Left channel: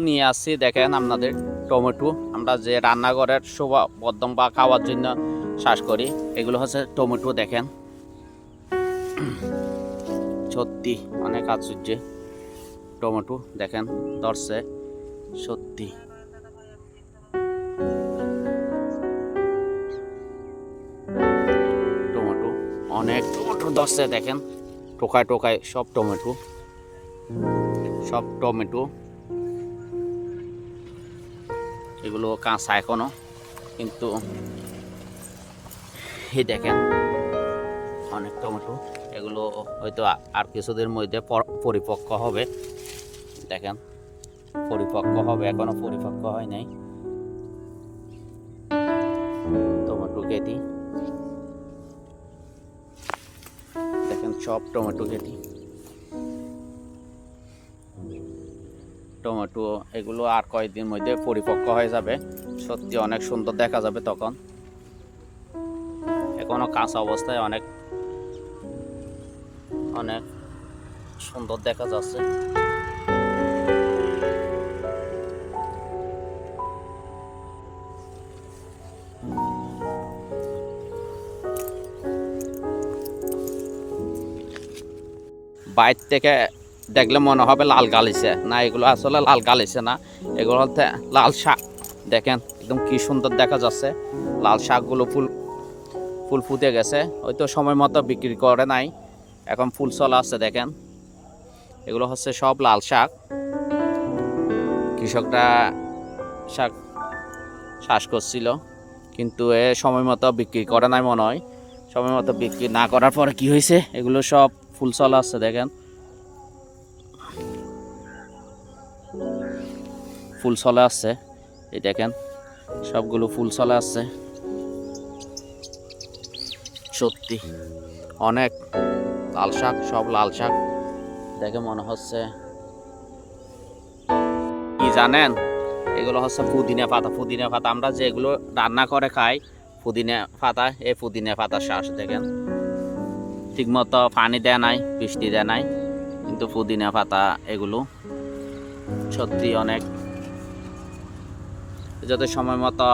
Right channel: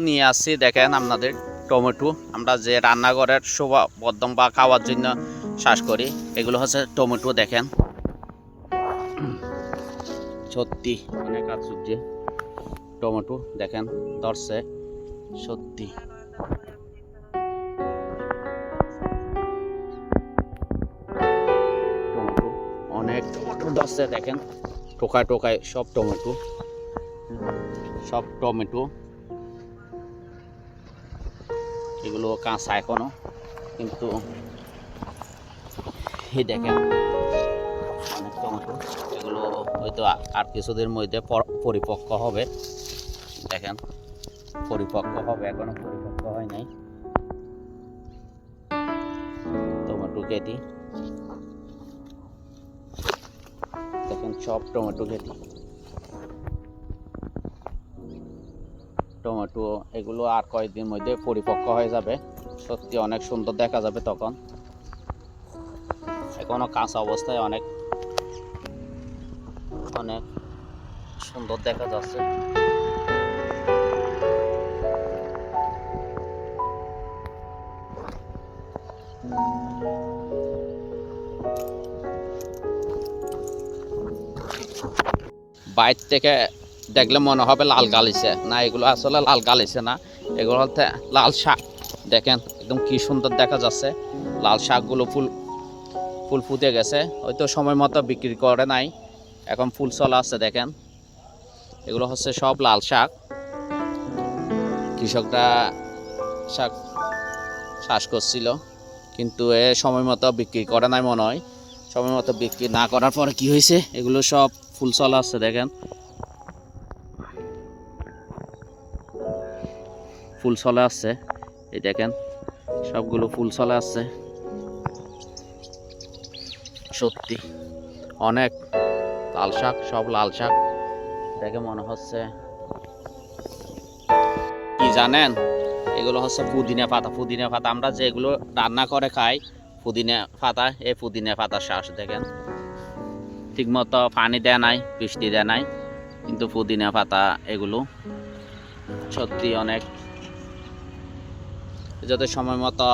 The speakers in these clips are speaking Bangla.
নিয়ে আসছি দেখেন আপনাদের টমেটো আমরা যে রান্নাঘরের শোভা বর্ধন বা খাওয়ার জন্য চাষ করি এগুলো হচ্ছে টমেটো দেখেন সত্যি অনেক আশ্চর্য টমেটো দেখেন ধরছে সত্যি টমেটো অনেক টমেটো ধরছে দেখেন টোকায় টোকায় সব টমেটো এগুলো কাঁচা এখনো কিন্তু এই দেখেন অনেক টমেটো এগুলো হয়তো আর কিছুদিনের মধ্যে পরিপক্ক হবে দেখেন পরিপক্ক হবে এখনো পরিপক্ক হয় নাই টমেটো কেটে দেখেন সব টমেটো কেটে টমেটো এগুলো আর কয়েকদিন মধ্যে পরিপক্ক হয়ে যাবে সত্যি অনেক সুন্দর দেখা যাবে তখন এখনো কাঁচা অবস্থায় অনেক অনেক সুন্দর দেখা যাচ্ছে বাইর থেকে দেখলে মনে হবে লাল গালিছে না এগুলো আসলে লাল গালিছে না এগুলো হচ্ছে লাল শাক দেখেন একদম কি সুন্দর দেখা যাচ্ছে লাল শাকগুলো ফুল ফুটে গেছে হয়তো সময় মতো বিক্রি করে নাই এখন ফুল চলা আছে দেখেন এগুলো হচ্ছে সব লাল শাক কৃষকরা শাক চাষ করছিল কিন্তু এ সময় মতো বিক্রি করে নাই মনে হয় সময় মতো বিক্রি না করার পরে কি হয়েছে এগুলো সব ফুল চলা আছে দেখেন ফুল চলে আসছে এই দেখেন সবগুলো ফুল চলে আসছে সত্যি অনেক লাল শাক সব লাল শাক দেখে মনে হচ্ছে কি জানেন এগুলো হচ্ছে পুদিনা পাতা আমরা যেগুলো রান্না করে খাই পুদিনা পাতা এই পুদিনা পাতার শ্বাস দেখেন ঠিকমতো পানি দেয় নাই বৃষ্টি দেয় নাই কিন্তু পুদিনা পাতা এগুলো সত্যি অনেক যদি সময় মতো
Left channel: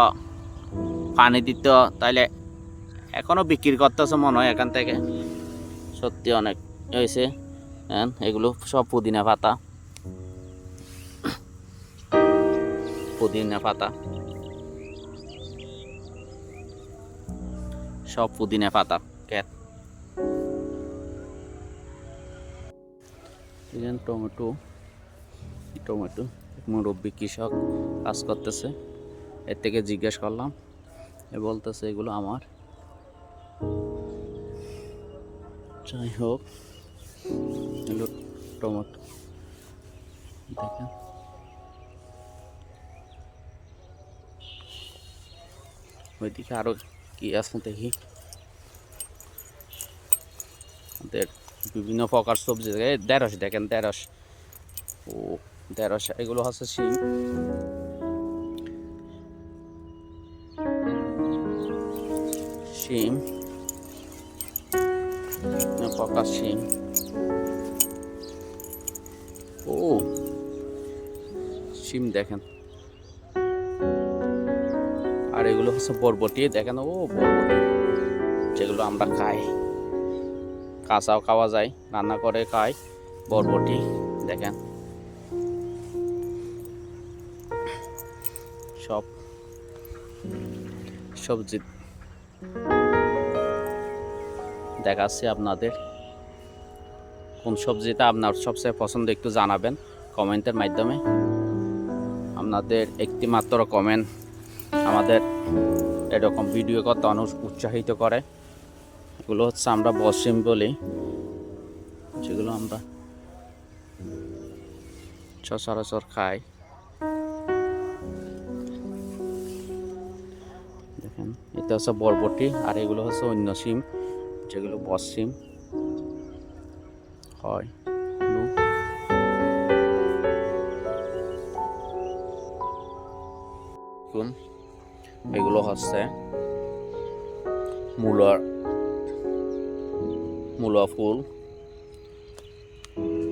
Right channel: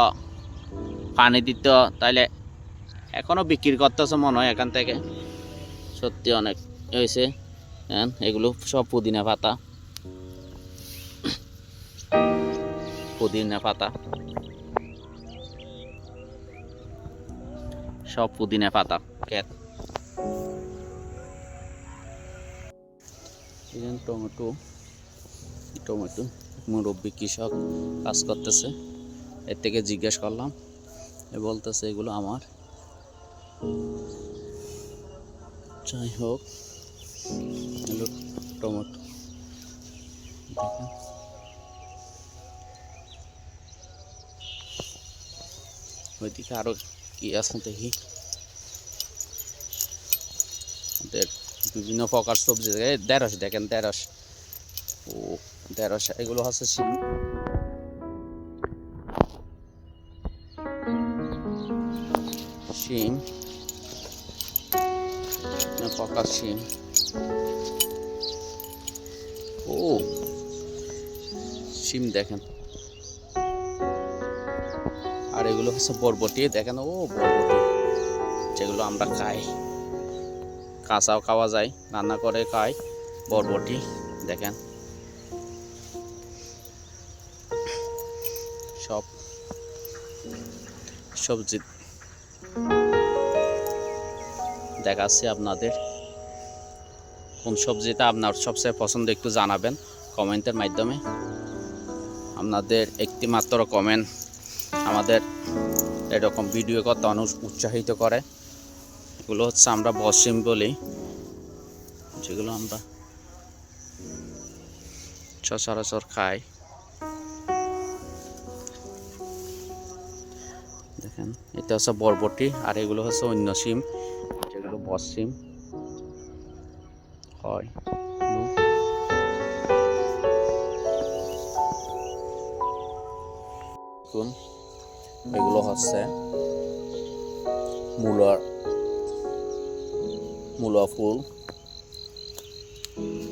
পানি দিত তাহলে এখনো বিক্রি করতেছে মনে হয় এখান থেকে সত্যি অনেক হয়েছে এগুলো সব পুদিনা পাতা সব পুদিনা পাতা ক্ষেত টমেটো মুরব্বী কৃষক কাজ করতেছে এর থেকে জিজ্ঞেস করলাম এ বলতেছে এগুলো আমার যাই হোক এগুলো টমেটো দেখেন ওইদিকে আরো কি আছে দেখি আমাদের বিভিন্ন প্রকার সবজি ঢেঁড়স দেখেন ঢেঁড়স এগুলো হচ্ছে শিম প্রকার শিম শিম দেখেন আর এগুলো হচ্ছে বরবটি দেখেন বরবটি যেগুলো আমরা খাই কাঁচাও খাওয়া যায় রান্না করে খাই বরবটি দেখেন সব সবজি দেখাচ্ছি আপনাদের কোন সবজিটা আপনার সবচেয়ে পছন্দ একটু জানাবেন কমেন্টের মাধ্যমে আপনাদের একটি মাত্র কমেন্ট আমাদের এরকম ভিডিও করতে অনেক উৎসাহিত করে এগুলো হচ্ছে আমরা বসিম বলি যেগুলো আমরা সচরাচর খাই দেখেন এটা হচ্ছে বরবটি আর এগুলো হচ্ছে অন্য সিম যেগুলো বসিম হয় এগুলো হচ্ছে মূলা ফুল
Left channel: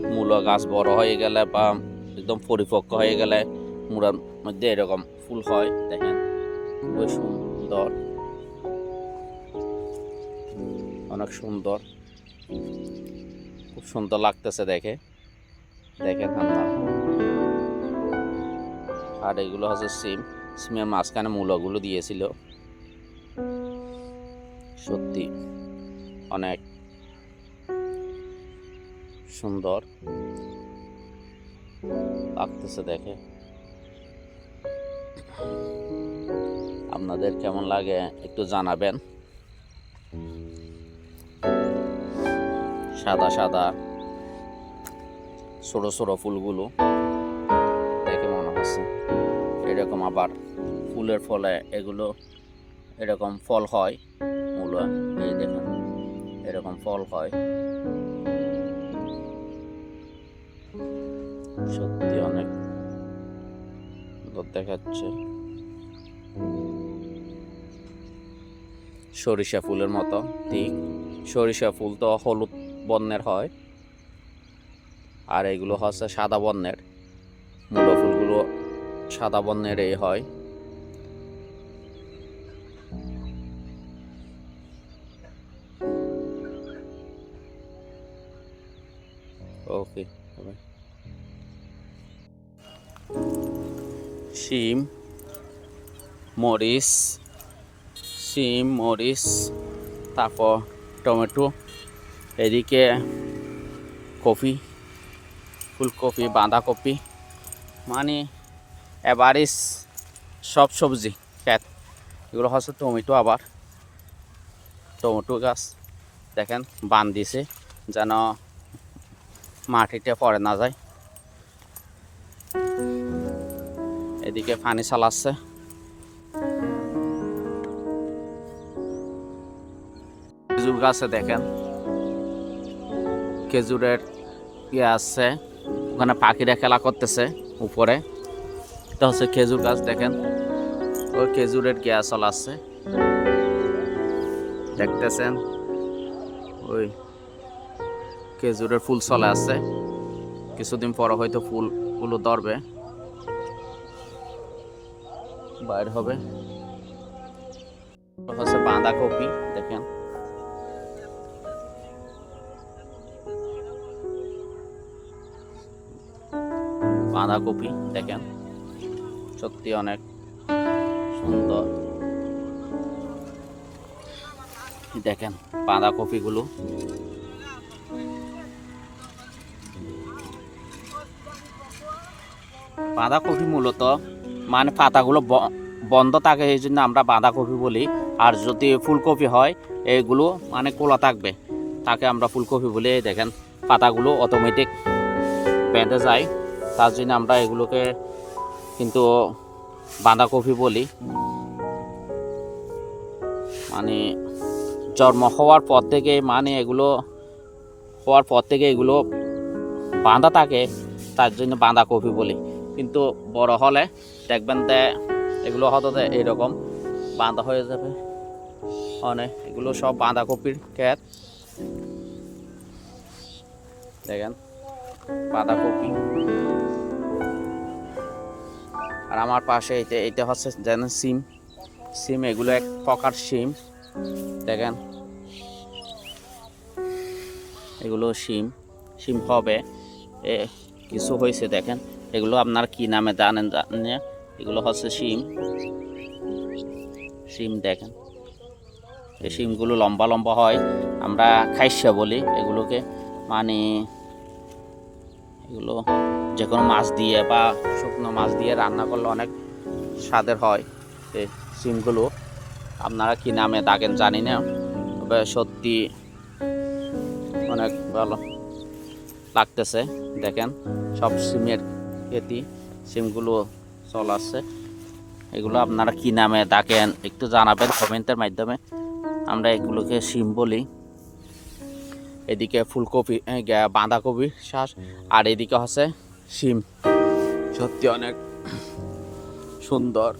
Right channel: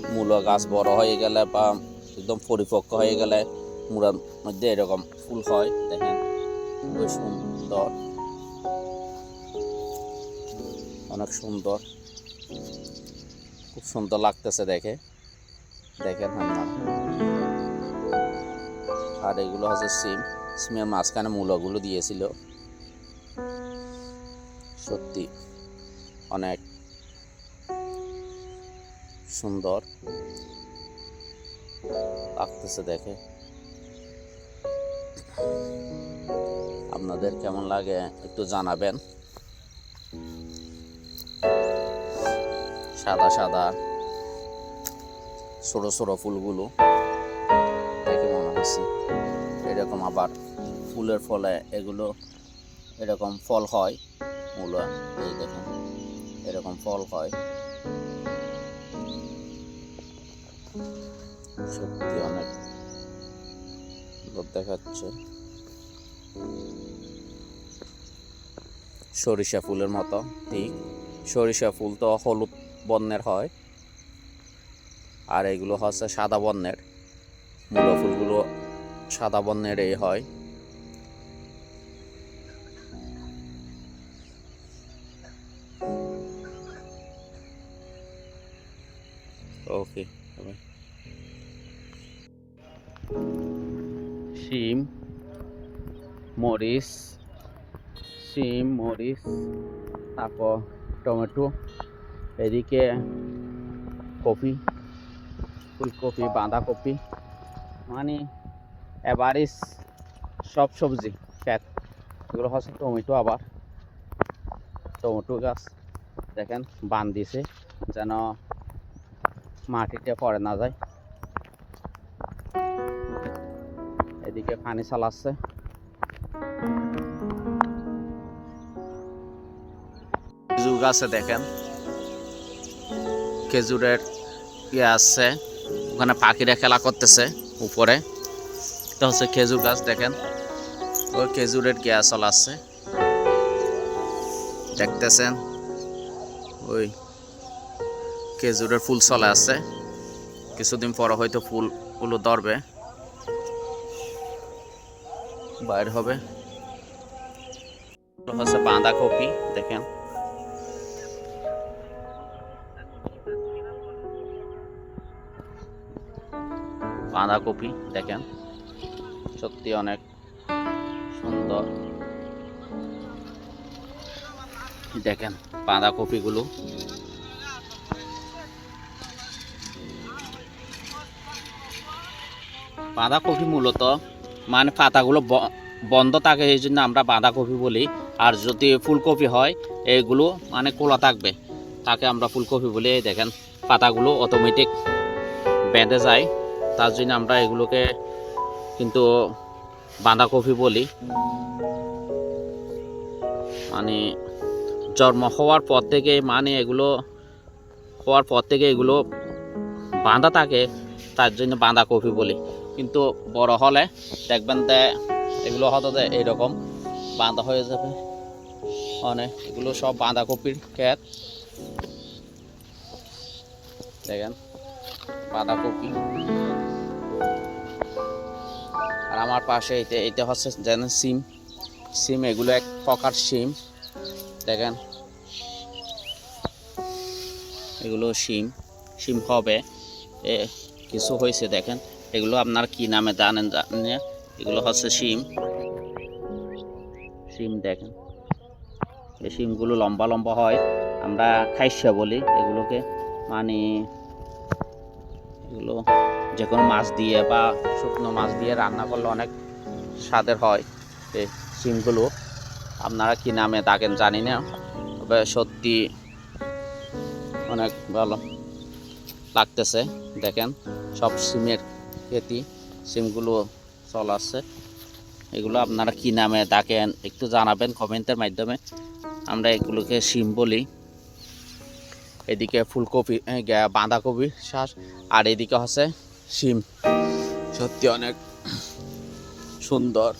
মূলা গাছ বড় হয়ে গেলে বা একদম পরিপক্ক হয়ে গেলে মুড়ার মধ্যে এরকম ফুল হয়। দেখেন খুবই সুন্দর, অনেক সুন্দর, খুব সুন্দর লাগতেছে দেখে। দেখেন আপনারা। আর এগুলো হচ্ছে সিমের মাঝখানে মূলগুলো দিয়েছিল। সত্যি অনেক সুন্দর লাগতেছে দেখে। আপনাদের কেমন লাগে একটু জানাবেন। সাদা সাদা ছোট ছোট ফুলগুলো দেখে মনে হচ্ছে এরকম। আবার ফুলের ফলে এগুলো এরকম ফল হয়। মূলা এই দেখেন এরকম ফল হয়। সত্যি অনেক সুন্দর দেখাচ্ছে। সরিষা ফুলের মতো, ঠিক সরিষা ফুল তো হলুদ বর্ণের হয়, আর এগুলো হচ্ছে সাদা বর্ণের। মূলা ফুলগুলো সাদা বর্ণের এই হয়। ওকে, শিম, মরিচ, তারপর টমেটো, এদিকে কপি, ফুলকপি, বাঁধাকপি, মানে এভারেজ সব সবজি ক্ষেত। এগুলো হচ্ছে টমেটো। আবার টমেটো গাছ দেখেন বান দিছে যেন মাটিতে পড়ে না যায়। এদিকে পানি চালাচ্ছে। খেজুর গাছে দেখেন খেজুরের ইয়ে আছে, ওখানে পাখিরা খেলা করতেছে উপরে। এটা হচ্ছে খেজুর গাছ। দেখেন ওই খেজুরের গিয়া চলাচ্ছে, দেখতেছেন ওই খেজুরের ফুল চলে আছে। কিছুদিন পরে হয়তো ফুলগুলো ধরবে, বাইর হবে। হচ্ছে বাঁধাকপি। দেখেন বাঁধাকপি দেখেন, সত্যি অনেক সুন্দর। দেখেন বাঁধাকপিগুলো। বাঁধাকপি মূলত মানে পাতাগুলো বন্ধ থাকে, এই জন্য আমরা বাঁধাকপি বলি। আর যদি ফুলকপি হয় এইগুলো মানে খোলা থাকবে, তাকে আমরা ফুলকপি বলি। এই দেখেন পাতাগুলো অটোমেটিক বেঁধে যায়, তার জন্য আমরা এগুলোকে কিন্তু বাঁধাকপি বলি। মানে জন্ম হওয়ার পর থেকে মানে এগুলো হওয়ার পর থেকে এগুলো বাঁধা থাকে, তার জন্য বাঁধাকপি বলি। কিন্তু বড় হলে দেখবেন যে এগুলো হয়তো এইরকম বাঁধা হয়ে যাবে। অনেক এগুলো সব বাঁধাকপির ক্ষেত। দেখেন বাঁধাকপি। আর আমার পাশে এইটা হচ্ছে যেন সিম। এগুলো এক প্রকার সিম। দেখেন এগুলো সিম হবে, কিছু হয়েছে। দেখেন এগুলো আপনার কি নামে জানেন না? এগুলো হচ্ছে সিম। দেখেন এই সিমগুলো লম্বা লম্বা হয়, আমরা খাইসা বলি এগুলোকে। মানে এগুলো যে কোনো মাছ দিয়ে বা শুকনো মাছ দিয়ে রান্না করলে অনেক স্বাদের হয়। এই সিমগুলো আপনারা কি নামে ডাকেন জানি না, তবে সত্যি অনেক ভালো লাগতেছে। দেখেন সব সিমের খেতি, সিমগুলো চলাচ্ছে। এগুলো আপনারা কি নামে ডাকেন একটু জানাবেন কমেন্টের মাধ্যমে। আমরা এগুলোকে সিম বলি। এদিকে ফুলকপি, বাঁধাকপি শ্বাস, আর এদিকে হচ্ছে সিম। সত্যি অনেক সুন্দর।